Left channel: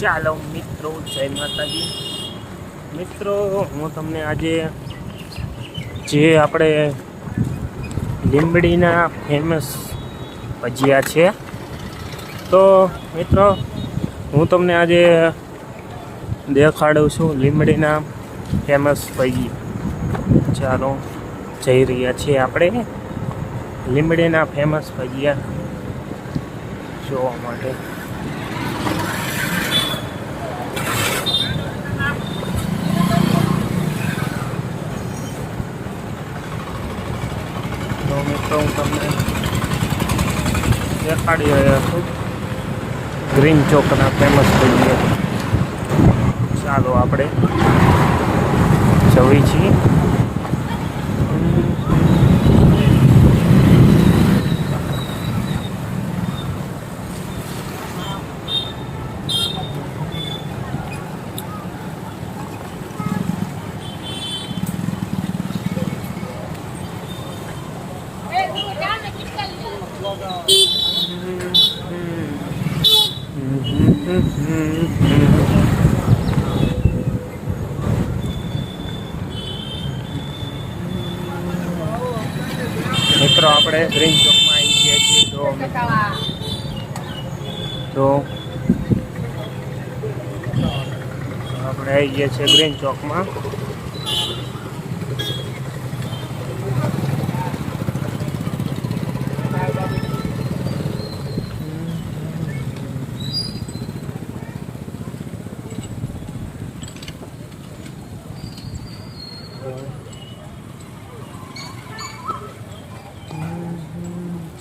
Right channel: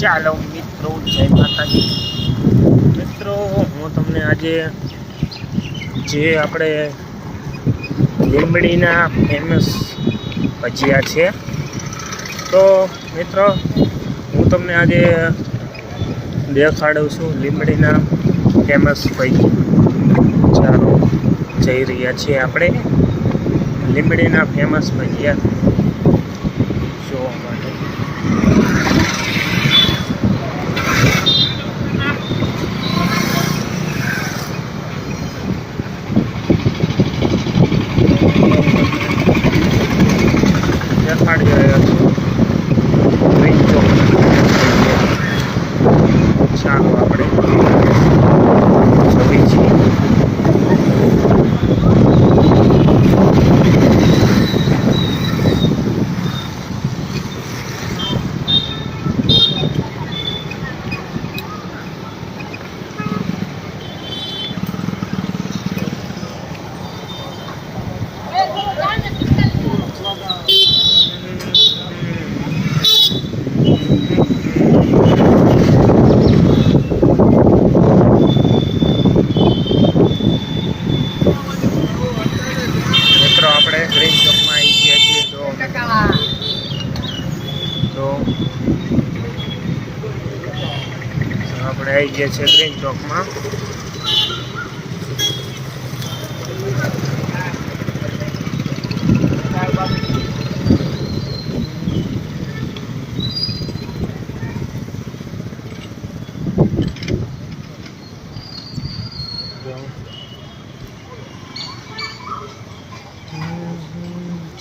ચાલો મિત્રો, જય માતાજી. મિત્રો, હું તમને આજે જે આપણે લીંબડીના ફેમસ ભજીયા છે, તો મિત્રો હું તમને આજે દેખાડું છું લીંબડીના ફેમસ ભજીયા. ચાલો જઈ રહ્યા છીએ આપણે લીંબડીના ફેમસ ભજીયા જોવા માટે. દેખાડી રહ્યા છું ગ્રીન ચોકના ફેમસ ભજીયા. ચાલો આપણે જઈએ છીએ. મિત્રો આપણે ગ્રીન ચોકમાં આવી ગયા છીએ. તો આપણે આવી ગયા છીએ ગ્રીન ચોકમાં.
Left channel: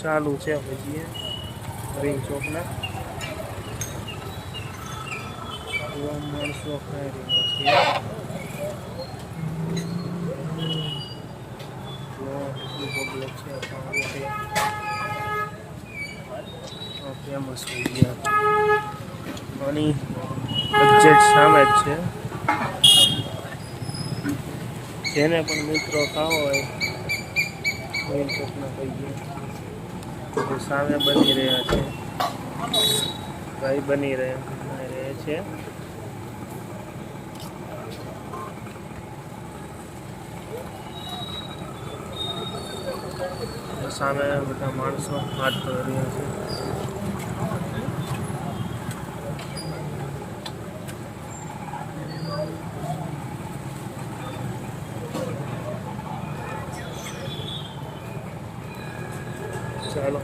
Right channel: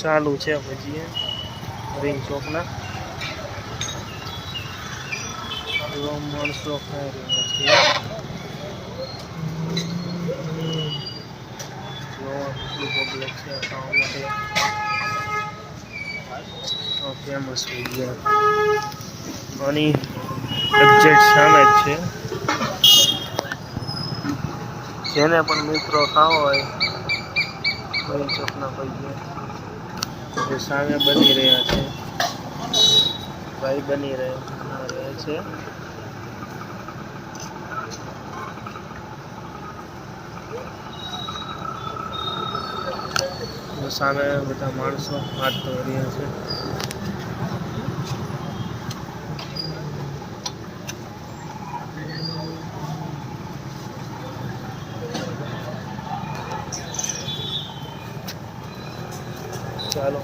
ચાલુ છે ભજીયા ગ્રીન ચોકના. માણસો ખાઈ રહ્યા છે. પબ્લિક છે ખાવા માટે. ફેમસ ભજીયા આની એક્ઝેક્ટ સામે જ છે. જેને પણ મિત્રો ખાવો હોય ગ્રીન ચોકના ભજીયા સામે બની રહ્યા છે. ભાઈ બની રહ્યા છે. સામે બધા માણસો હાથ ધોઈ રહ્યા છે. ચાલો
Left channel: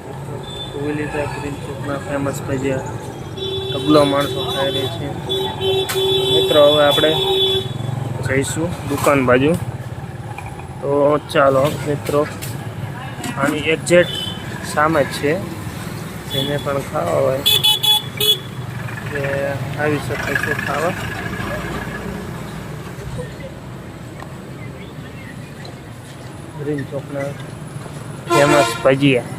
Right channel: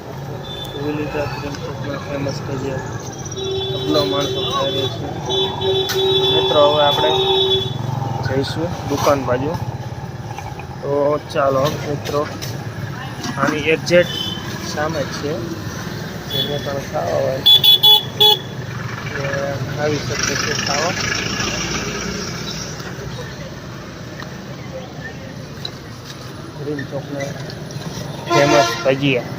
લીધા ગ્રીન ચોકના ફેમસ ભજીયા ડબલો માણસો ખાઈ રહી છે. મિત્રો હવે આપણે જઈશું દુકાન બાજુ. તો ચાલો મિત્રો, આની એક્ઝેક્ટ સામે જ છે. જેને પણ ખાવા હોય તે આવી શકે છે ખાવા. ગ્રીન ચોકના ફેમસ ભજીયા.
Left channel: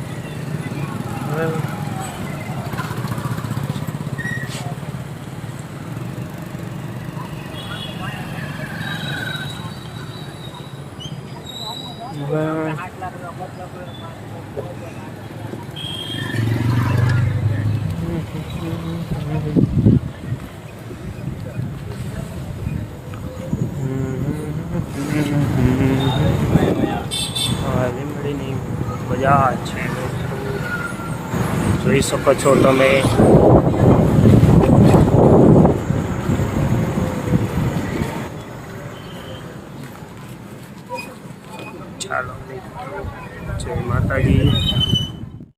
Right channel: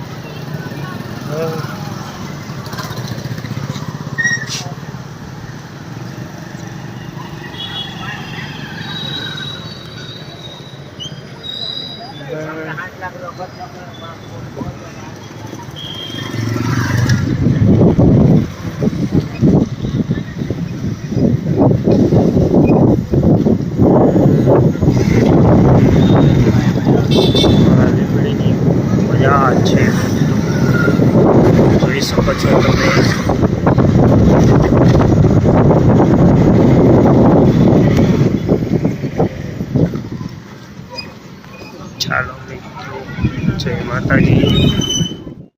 લીંબડીની મજા છે, જોઈ શકો છો તમે. ચાલો મિત્રો, જય માતાજી.